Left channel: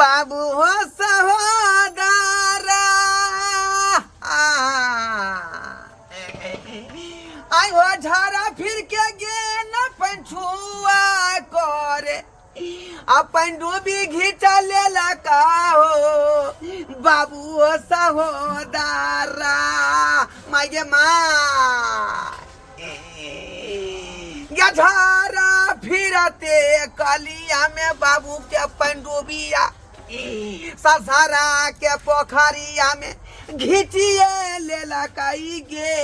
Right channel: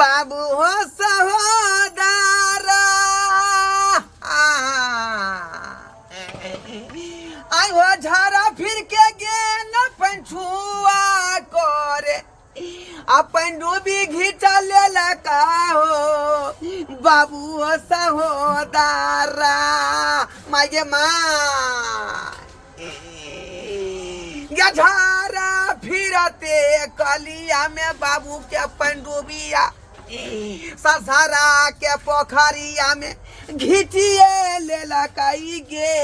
बाबू हो सहोदरा आई हो झारा फिर के गे न पंछुआ करे अपन डूबी घिचा ले का हो बाबू हो सहोदरा माये माँ झारा फिरते कलिया में बाबू के पंडुबिया ससरा के पोखरिया में घिचिए ले लकाई गे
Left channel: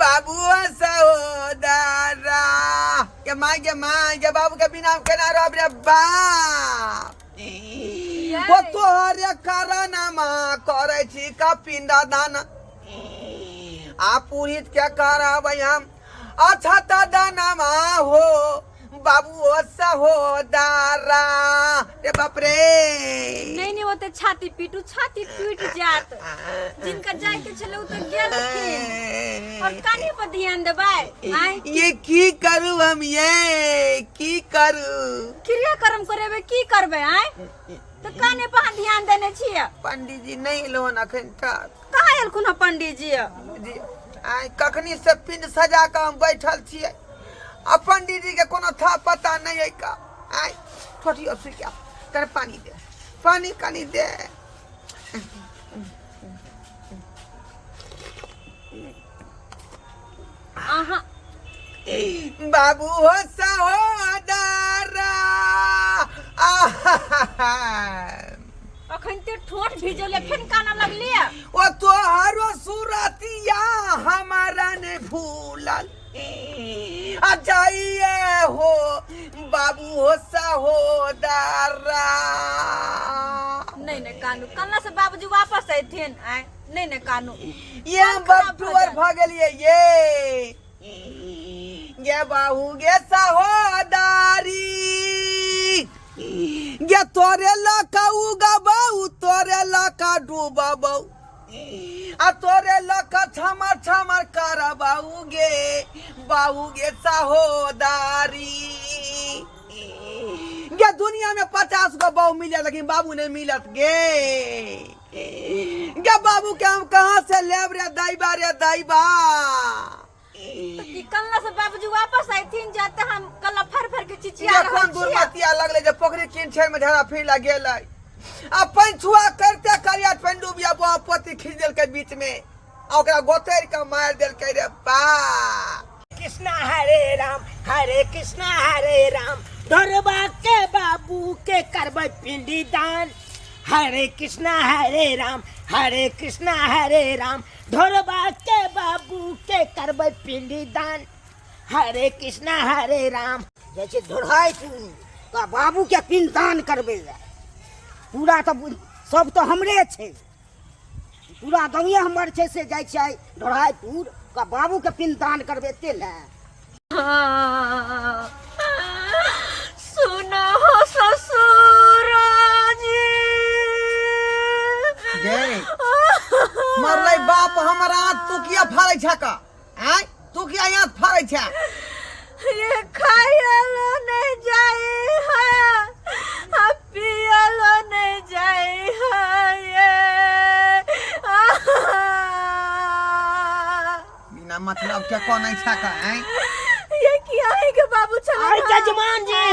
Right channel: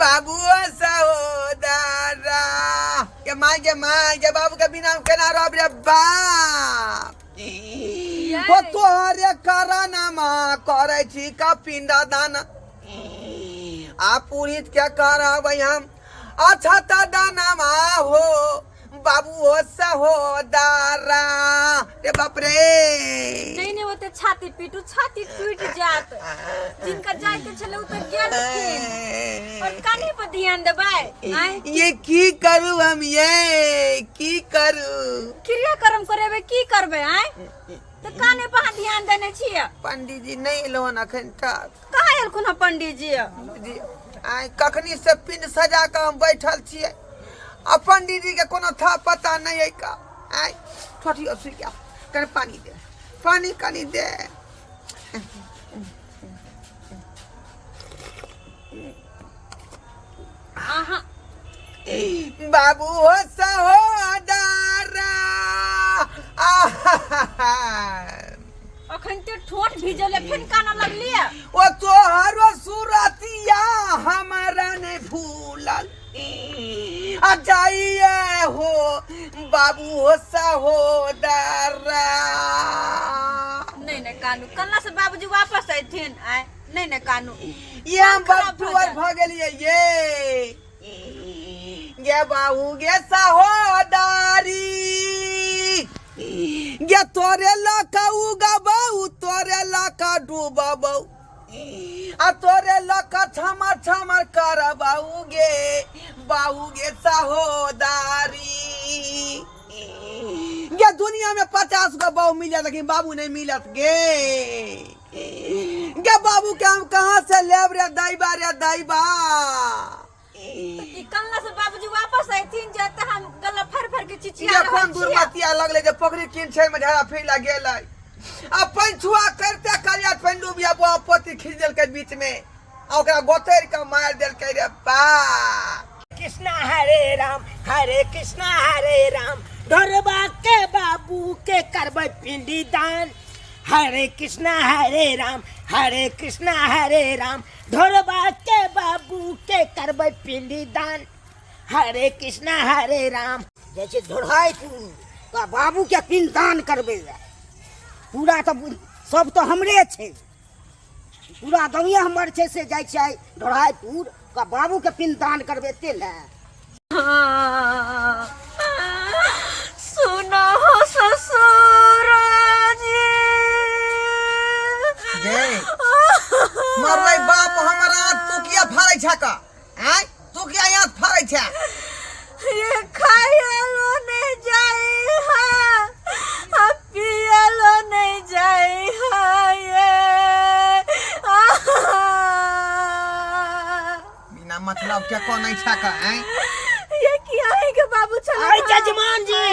बाबू सहोदरा के माँ के बाबू के बिना केना रह रे बाप वो तोहरे करनमा करे छी का पिंडा दाना आ पुरित क्या करबै हम अच्छा त दानमा हो बाबू हो सहोदरा रे बाप रे नहीं होते छाती पीट जात जिनका जाए के चलो तो गेल और कानी पर ध्यान देबै ये की करू हम ये की करू क्रिया कर्म करेबे की करबे तो काने पर ध्यान देने छियै पंडित जी नहीं लोन अखन तक कहाँ एलखुन पंडित जी आई कखनी से पिंड सजा के हम बैठल छियै आ पंडित जी के कोनो था पता नहीं है का आई छोटी असुइया कर पानी दे पानी कनी दे आहा बाबू हो सहोदरा अखन ते ठोट भिजले फिर काना लगली ओ तोहरो सुरतिया हमारा ने भूलल आ जाइए हो बाबू हो सहोदरा नहीं कानू कल्ला से बाबूजी वापस आइथिन नहीं कानू ये हम बटुअर भ गेलिए ये बाबू गे सहोदरी गे तोरे लका उगबौ तोरे लका डूबबौ आ तोरे लका छमर करबौ गे बाबू गे सहोदरी गे दुनिया में 50 गो बहू मिले लेकिन बाबू नहीं मिलत गे बाबू के हम कहाँ से लेब रे दैबा कल्ला से बाबूजी वापस आइथिन जाते हम कल्ला फर के चिचिया कौन दुर्मतिया लगले जे पोखरी किन छै में झाड़ा फिर गेलै आ पंछुआ करते करिया पंडुबिया पोती खींच देल के बीच में आ ओकरा गोतर के मार देल के रे बा कृष्णा हरे राम धरबा के बाबू के करबै पिंडी दान हरे कृष्णा हरे राम धरबा के बाबू के करबै पिंडी दान हरे कृष्णा हरे राम जैसे धोराई का बाबू के पिंड दान करबे पूरा तो सब तो हमरे छे पूरा दुनिया हमर छे से जाय छै धोराईपुर का बाबू के पिंड दान करबे ते ले सुना हो ससुर जी मरलै बाप हमरा तू किया फाड़ै छ का तू किया यहाँ फाड़ै छ ये खायलो नहीं जाई है पियलो नहीं जाई है ये बिना मतलब के को नहीं छ का ये किया है के बाबू चल अरे जजमान जी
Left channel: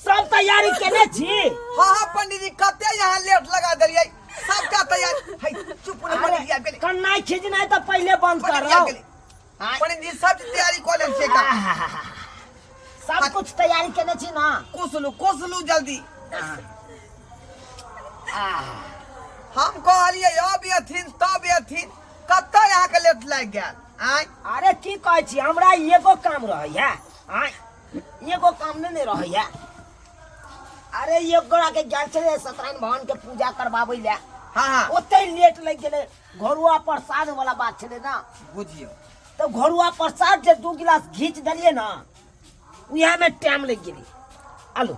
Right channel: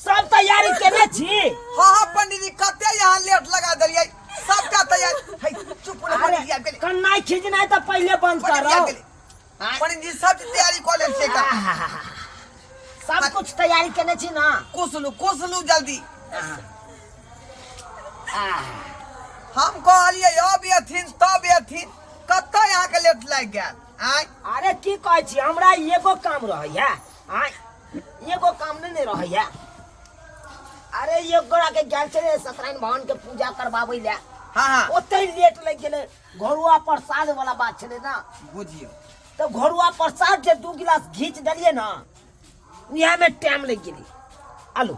सब तैयारी केने छी हां पंडित जी कते यहाँ लेट लगा देलिए सबका तैयारी है चुप न पंडित जी आ गेले कन्नाई खिंचनाई तो पहले बंद करो पंडित जी सब तैयारी कर ले छे का सब कुछ तैयारी केने छी ना कुसलू जल्दी हम कहलिए अब एथिन तब एथिन कते यहाँ के लेट लग गेल अरे की कहै छी हमरा एगो काम रहैया एगो काम नहीं रहैया अरे ये गोड़ा के ज्ञान चले सत्यनारायण भगवान के पूजा करवाबै ले हां ओते लेट लग गेले घरुआ प्रसाद वाला बात छले ना बुझियो तो घरुआ प्रसाद के 2 गिलास घीच दलिए ना उहा में टाइम लग गेली आलू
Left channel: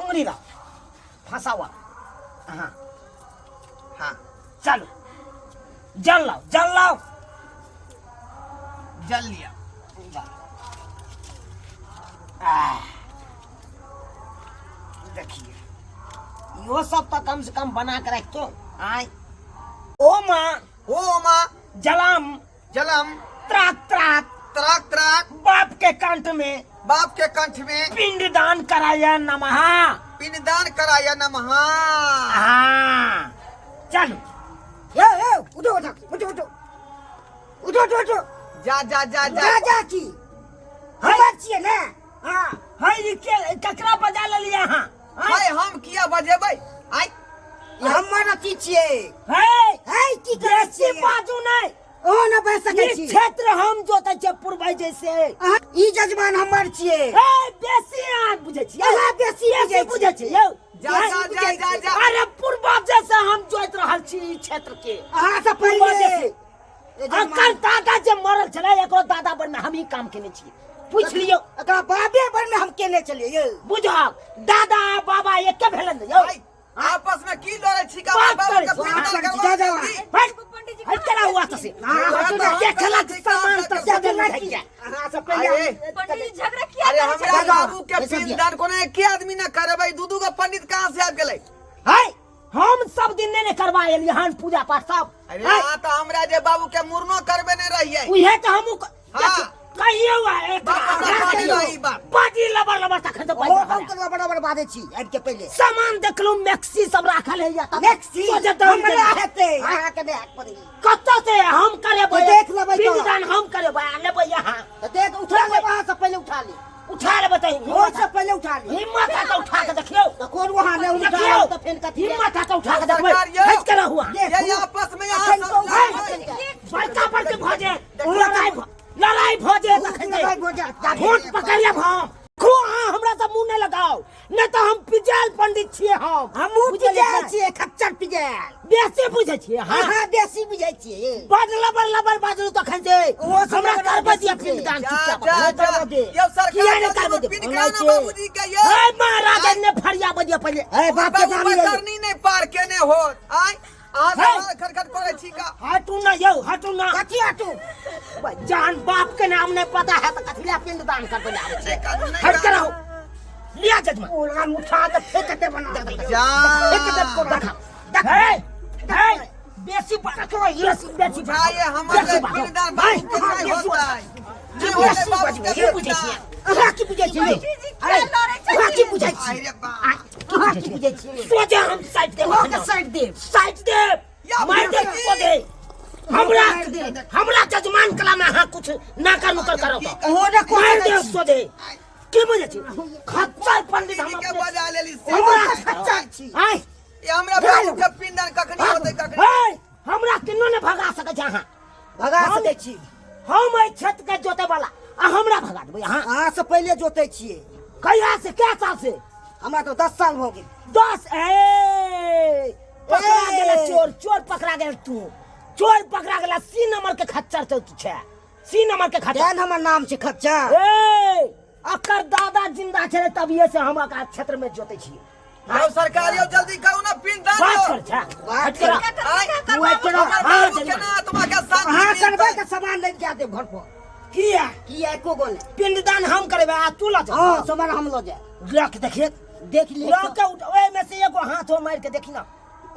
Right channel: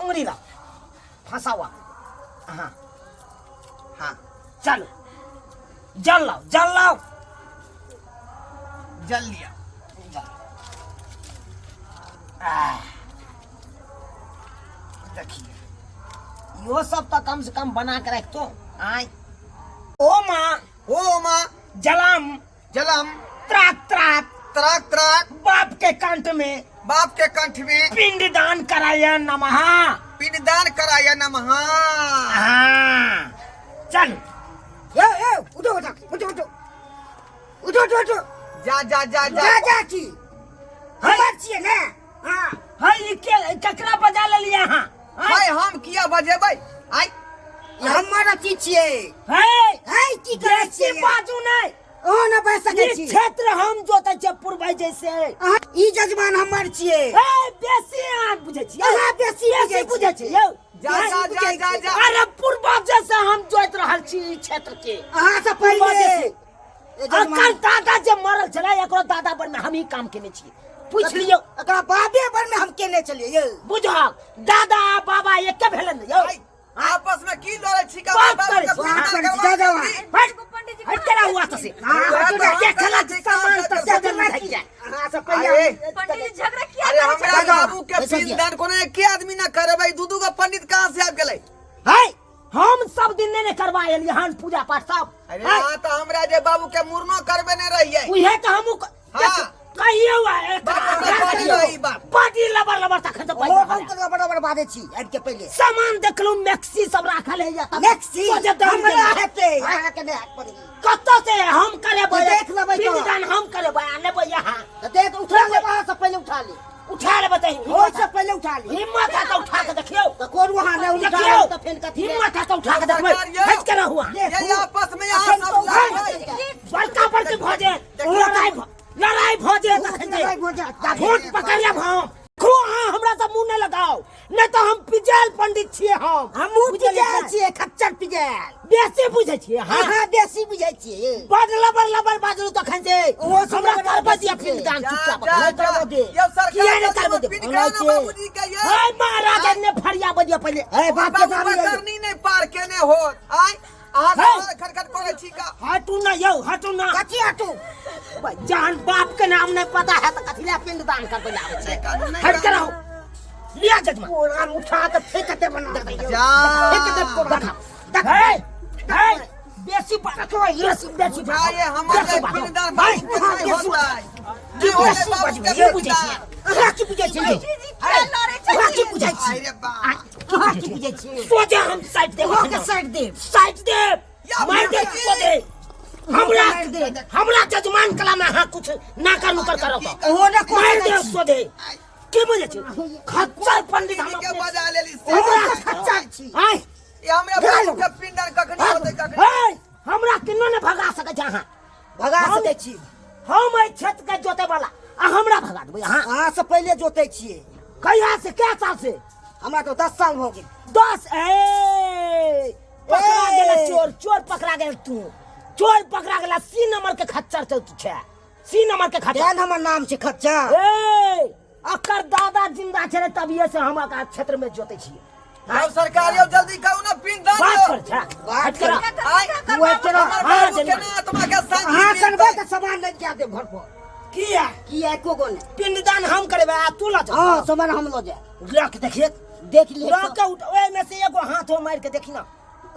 उंगली ला फसावा हां चलो जल लाओ जल लिया देखिए यो सब तो कम से कम बना के रखो। आय ओ माँ जलम जलम त्राक त्राक त्राक त्राक बाप के कंठ में पिंडदान कराया नमः। पिंडदान कराया नमः। हाँ चलो उठो उठो उठो उठो उठो उठो उठो जा जा जा जा जा की हमार छिए ना। हाँ हाय के ककरा बजा ले लिया। हाँ भाई हम किया बजेबै आई हमारा की छिए है की करे छिए बाजू नहीं ओ न बह सके छी। क्षेत्र हम जोते छे पूर्वज जैसे ई जजमान हमर छिए। ए बेसी आ बुझे छी। हां बेसी बुझे छी यौ। जा जा जा जा अरे पूर्वज जैसे हम जोत रहल छी ई क्षेत्र के। हां से पहले अकल दादा जे मरल छले एकरो दादा पर में हम ही काम केने छी। पूछ लियो एकरा बाबे पर में हम केने चलिए यौ। बुझा दादा बाबा एक के भेलन यौ। आपस में की लड़े छी का बात बाबा करे, का बात करे, पिंडदान जा, जा, करवा दी। पंडित जी हट करा हुआ तो से। हां के खला सामान तो से दे नहीं गया। हां से पहले पंडित जी झगड़ा किया। अरे हमरा बाबू के पिंडदान कोनो एक आदमी ना करबै दू का पंडित कहां से आब गेलै। हाय हम सब दिन ने करवाए लिए हन पूजा पाठ सब। अरे हां तो हमरा जे बाबू के मुरनो करबे न रहिए। उहे तो हम हां कहियो पार्टी लबर लबर तखन तो पैसा बड़ा बड़ा बादे छी। अब के पहले सामान देखलू मैक्सी सब राखल है या मैक्सी सोचे तो हेते हां के ने कत से हम करे देख लेबै तो पिंडदान हम करे लेबै यहां तो देख उठा ले वहां से पहले उठा ले बताई हो से पहले उठा ले हिम्मत है तो उठा के देखियो तो कौन वहां ने उठा तो फिर कथि हिम्मत है तो उठा के देखबै हट करा हुआ ये आपस में यहां सब बड़का बड़के भोजे लड़ाई भोजे वोट पकड़िया हम खो। हाँ हमरा सब मुंह न लगाओ नहीं तो हम पिजेल पंडित छिए। हम पिजेल छिए खच्चर पिजेल बेसी बुझे छिए। हां हां बेसी बुझे छिए। बड़ लबर लबर बाजू तो खंजे वो हमरा करबे दिया पिंडदान चुपचाप नहीं करबे ये सरकार किया नहीं करबे पिंडदान बाबूजी के ये हे महाराज ने फरिया बदिया पहले ए बाप के दावी करनी नहीं पार केने हो आई आ खटखट करे छी का हटू ना यौ हटू ना कथि हटू जान बाप के नाम नहीं पता है तो कथिला पिंडदान कर बना छे। हट कराओ लिया जजमान पूरा उठा के फेंकते बना दे फेंकते को देख हे बेसी पता तो ये बेसी ये हमारे पिंडदान भाई कैसे होता है की बेसी बजबे ये बुझे छी। अहा की बुझे छी अहा की बुझे छी अहा की बुझे छी सोचे हम साइड दे साइड दे मार दे को दे हमरा जजमान कला में हां कुछ ना कर मुकर करो तो हो ना मार दे को दे की बुझे छी खच्चर पंडित हम के बजा लेली हमरा खच्चर छी। हाय ये हमरा के पिंडदान कखनी होते कखनी हाय हमरा किन्नो ने भगा सके छ। हां भगा सके छी हम ए क्षेत्र के जोते वाला आ हमरा भगा देबै। हां से पहले जोते छिए कहिया से क्या साल से हमरा तो 10 साल हो गेल 10 ए पकड़ा गेल चोर पकड़ा गेल तू चोर पकड़ा गेल सी नंबर के खच्चर तो छे सी नंबर के खच्चर हमर नाम छे खच्चर। ए अकर दादा जिंदा छे तबिये से हम का क्षेत्र में जोते छिए। आओ सरकार यो जल्दी कहू ना पिंडदान बात कर छा बात कर तू ए करो। हां आत्मा के शांति हां करबे त सामान ले के दे घर पर किया एको गो नहीं पिंडदान हम करबे आ तू ला जा। हां सामान हम लो जा रख देखिए देख ले रख के उठ ओए में से एगो हाथ मार के देखी ना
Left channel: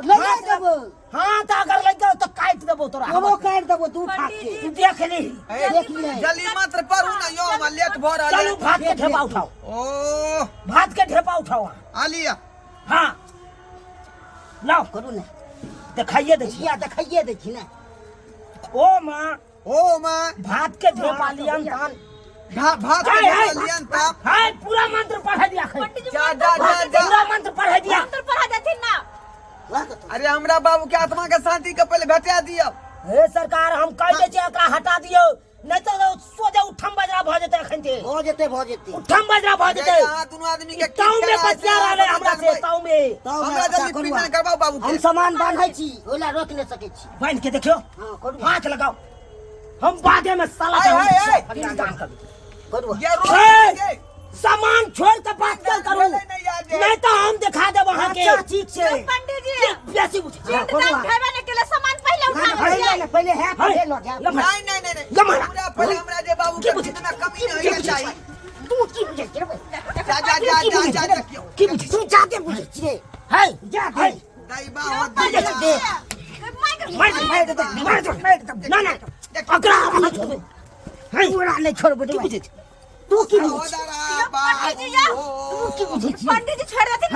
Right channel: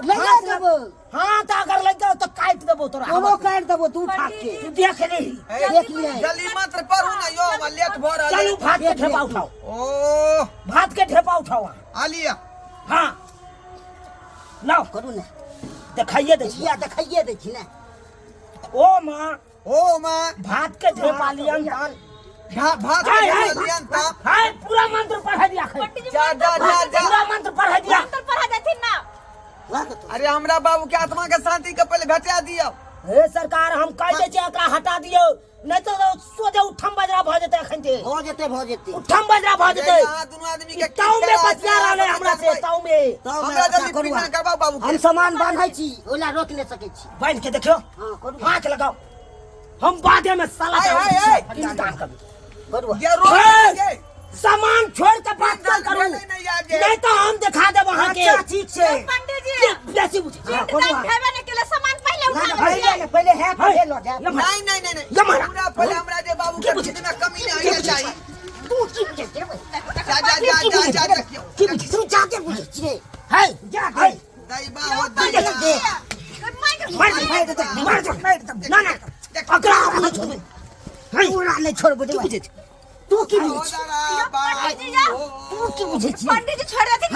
लगा देबो। हां त अगर लग गयो तो काट देबो तोरा वो काट देबो तू फाट के तू देख ले जल्दी मंत्र पढ़ू ना यो हम लेट भ रहल चलो भात के ढेपा उठाओ। ओ भात के ढेपा उठाओ आलिया हां लाओ करू ना दिखाइए देखी ना ओ मां भात के ढेपा लियन पान भात लियन पाप हाय पूरा मंत्र पढ़ा दिया जा जा जा जा पूरा मंत्र पढ़ा दिया मंत्र पढ़ा देथिन ना। अरे हमरा बाबू के आत्मा के शांति के पहले भेटा दियो। हे सरकार हम कह दे छी एकरा हटा दियो नहीं तो सोजे उठम बजरा भ जेते एखन ते भ जेते उठम बजरा भ जेते दोनों आदमी के ताऊ में बचिया रहले हमरा से ताऊ में हमरा जल्दी पिंडदान करबाओ बाबू हम सामान बांधै छी ओला रोक नहीं सकै छी बांध के देखियो हाथ लगाओ हम बादे में साला पिंडदान कर ये रोक सामान छोड़ के बात करू नहीं तो हम दिखा दे वहां के ठीक से पंडित जी बेसी बुझ पिंडदान खावे ने के लिए सामान पहले उठा पहले है पहले लो जा नहीं पूरा पहले हमरा जे बाबू के कितना कमी नहीं चाहिए तू की बुझे जा देखियो की बुझे तू जाते बुझे छे है जा है दैबा हो दे दे मार दे ना ना अगला नहीं छोड़ है पूरा नहीं छोड़ बुझे तू की बुझे तू की बुझे पंडित जी छोड़ देते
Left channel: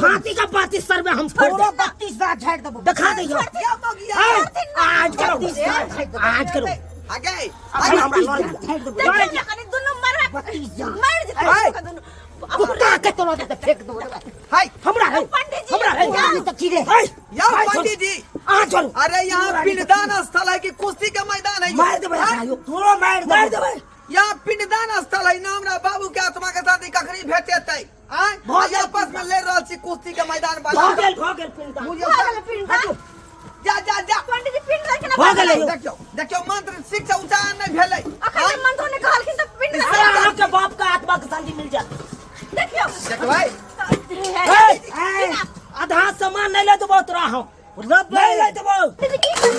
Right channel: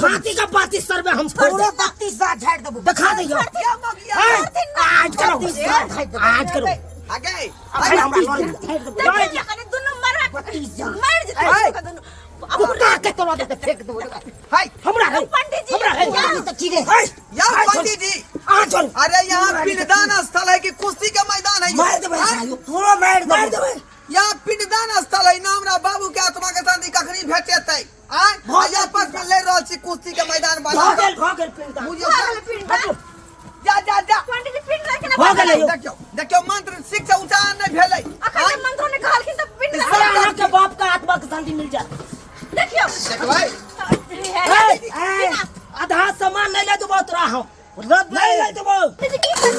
छाती का 32 सर में हम पूरे 32 साल झाड़ दबो दिखा दे आज करो आज करो आगे दोनों मार दोनों कुत्ता के तोड़ दे फेंक दो हाय हमरा है पंडित जी हमरा है तो की रे या पंडित जी आ चल अरे यहाँ पिंडदान स्थल है कि कुश्ती का मैदान है मार दे भाई थोड़ा मार दे भाई यहाँ पिंडदान स्थल है ना हमरा बाबू के आत्मा के शांति कखनी भेटेतै आज आपस में ले रहल छी कुश्ती के मैदान भागल पिंडा मुझे जा जा जा पंडित जी पिंड रखे ना भागल देखियो देखियो मंत्र शिक्षा उच्चारण नहीं भेलै अखन मंत्र ने कहलखिन त पिंड सारा के बाप का आत्मा के शांति मिल जाए देखियो देखो आधा सामान नहीं ले देबो तोरा हम नहीं ले देबो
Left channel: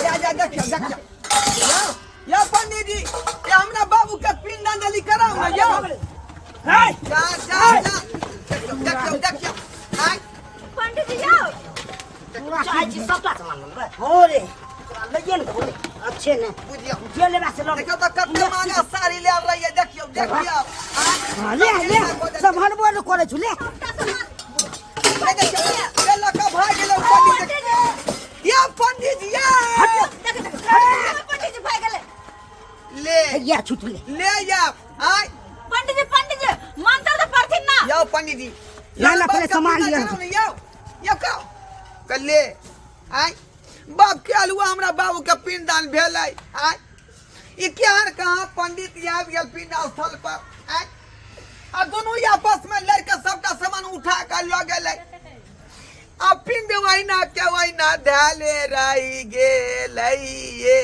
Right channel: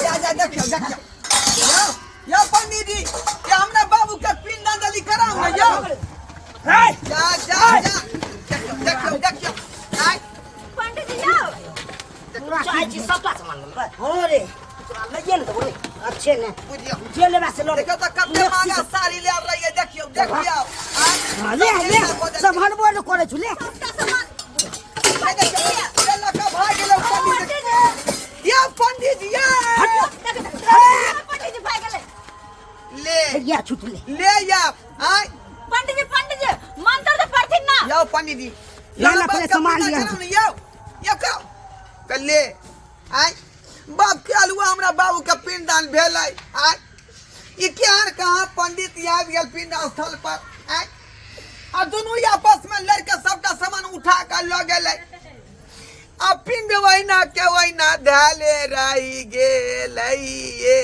जा जा देखियो देखियो यो पंडित जी ये हमरा बाबू के पिंडांजलि कराऊ ना यो जा जा जा देखियो देखियो हाय पंडित जी यो चाय जी सबका सामान ले हो रे ले ये न बोले अच्छे ने बुझियो जे ले से लो देखो तो कते महंगा साड़ी ले रही है देखियो देखियो हां ले सामान बोल करे छु ले भाई देखियो ये लका भाई गेलो पंडित जी ये पंडित जी पंडित जी भाग गेले ले या छूट ले या हाय पंडित जी मंत्र तो पढ़थिन ना यो पंडित जी लाला पहले सामान लिया यो क्यों कल्ले आय बाप के अलुआ हमरा बाबू के पिंडदान भेलै आय ई केहन कहाँ पंडित आबि गेल पिंड स्थल पर आय आ दोनों आपस में लड़के सबका सामान उठा कर ल गेलै आ पिंड वहीना के वहीना धाले रही गेलै ये